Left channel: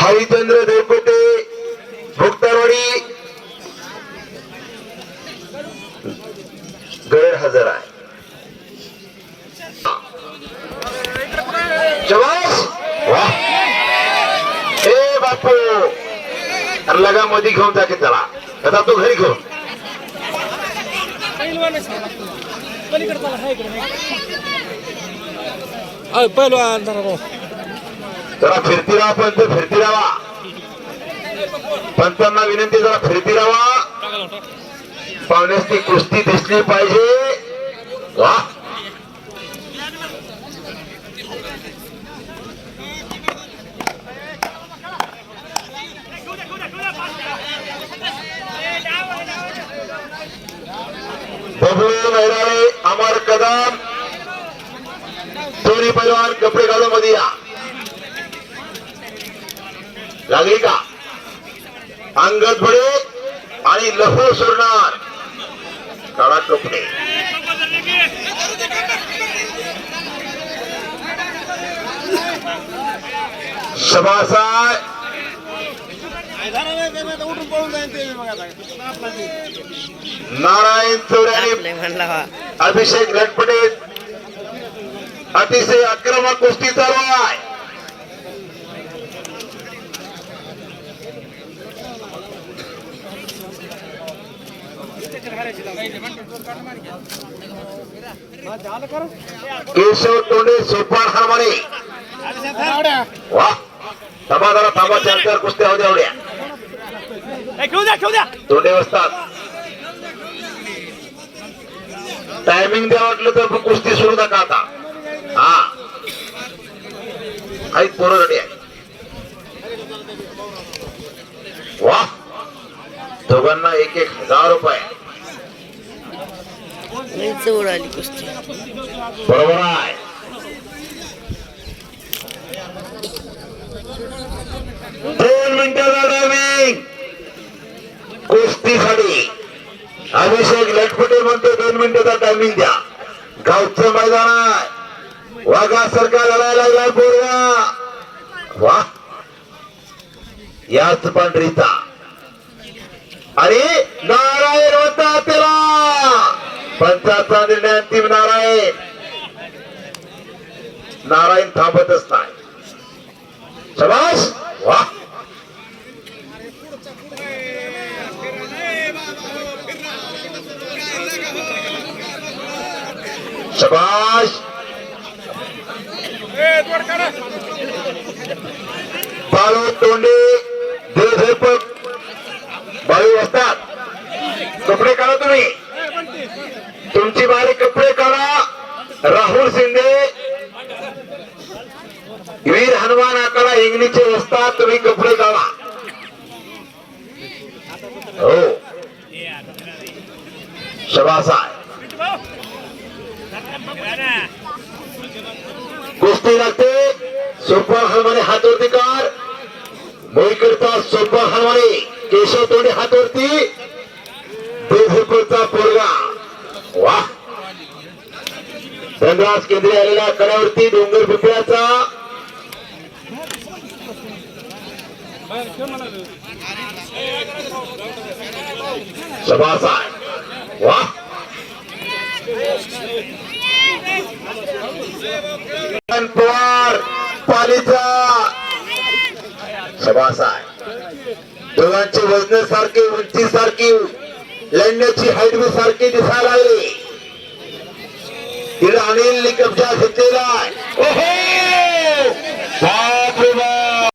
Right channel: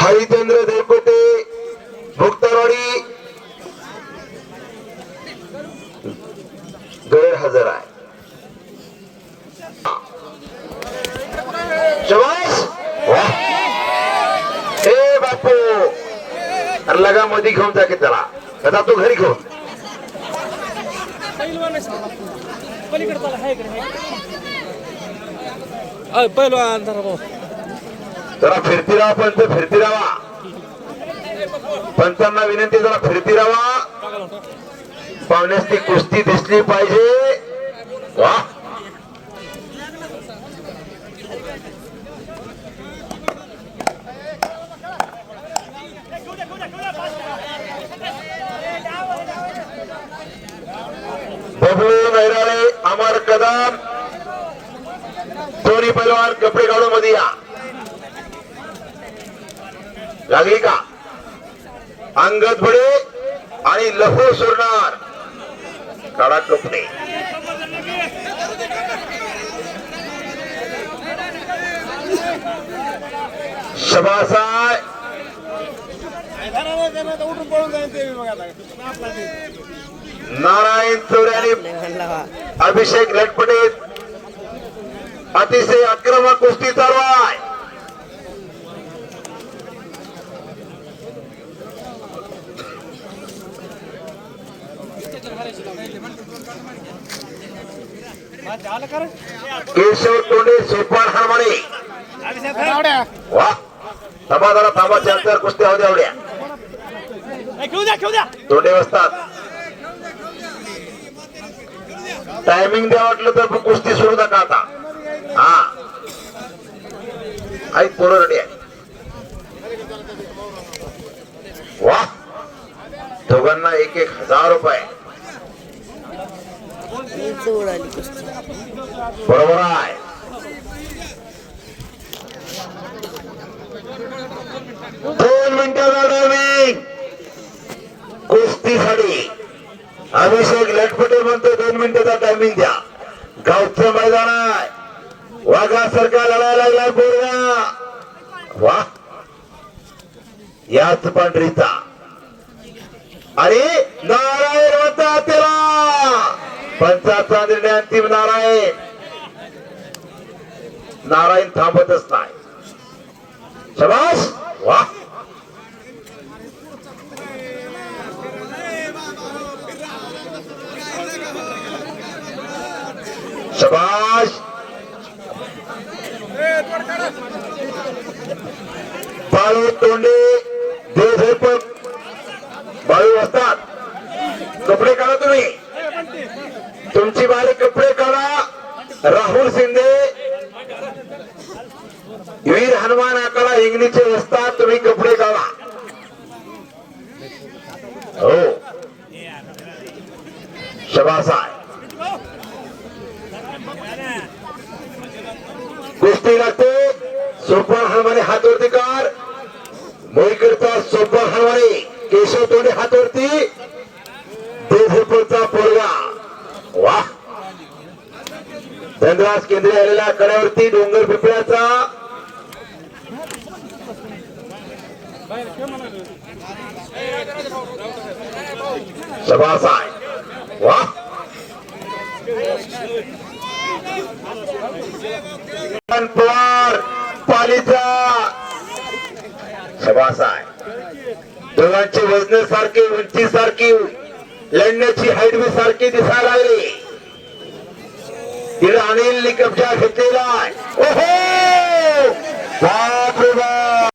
हरिचंद्र देवकोटे भोक्तारवाडी गैरहजर आहे. शाबास वाह ए बापू लगा मध्ये घेऊन जा की त्याला आता तू घरी घेऊन जरा फिरती राहा पंत फिरती राहा पंतांना विनंती जरा फिरती राहा पाहुण्यास ती कुस्ती दिसली पाहिजे. वा बबलू नैराळे अमर कदम दोन्ही पैलवान कपडे काढून मध्ये या. लागली का अंगद बडे आणि लहू सोडणार काढा कपडे. सभासाय नारायण चौऱ्याने अभिषेक लटपटे अतिशय आक्रमक कुस्ती चालू आहे. केशव तोंडे सोपान हरमणे वा थांबा जरा थांबा 4 कुस्त्या होत्या एवढ्या तोंडे बसतात. टायमिंग द्या वाटलं तर कुस्ती सोडू नका आता. हा आई पोरं रेडी आहे. वा दोघांना 1,000 रुपये उडाली कुस्ती बरोबर आहे. दोन मिनिटाचा टायमिंग कुस्तीसाठी अभिषेक लटपटे म्हणतो 2 मिनिटाचा टायमिंग द्या. गावचं मैदान आहे. वाघासारखा लढायला लागला पोरगा. वा याच पांढरीचा अरे नारायण होता त्याला पंचाचा निर्णय अंतिम. नारायण थांबतच नाही. शाबास वा शाबास बाळू तोंडे देवधरपट बाळू असतात. कपडे काढा तुम्ही तुमची बारी कपडे काढा. राहुल शिंदे वीर हनुमान आकारा इंग्लिशचे असतात. तुम्ही कपडे काढा. हो शाबास आहे. कुस्ती लागते. सोपान हनुमाने हातवरती कार मोई करता. सोपान हनुमाने केशव तोंडे हातवरती देवधरपटचा पोरगा. वा धनराज केंद्रीय आलेल्या कड्यावरती डोंगर पिपळ्याचा शाबास आहे. वा पवार पालीचा शाबास आहे. दोघांची वजन सारखी उंची सारखी लढण्याची हाईट बी सारखी दिसायला लागली. तिला अनिल कब्जा घेतलेला. ओहो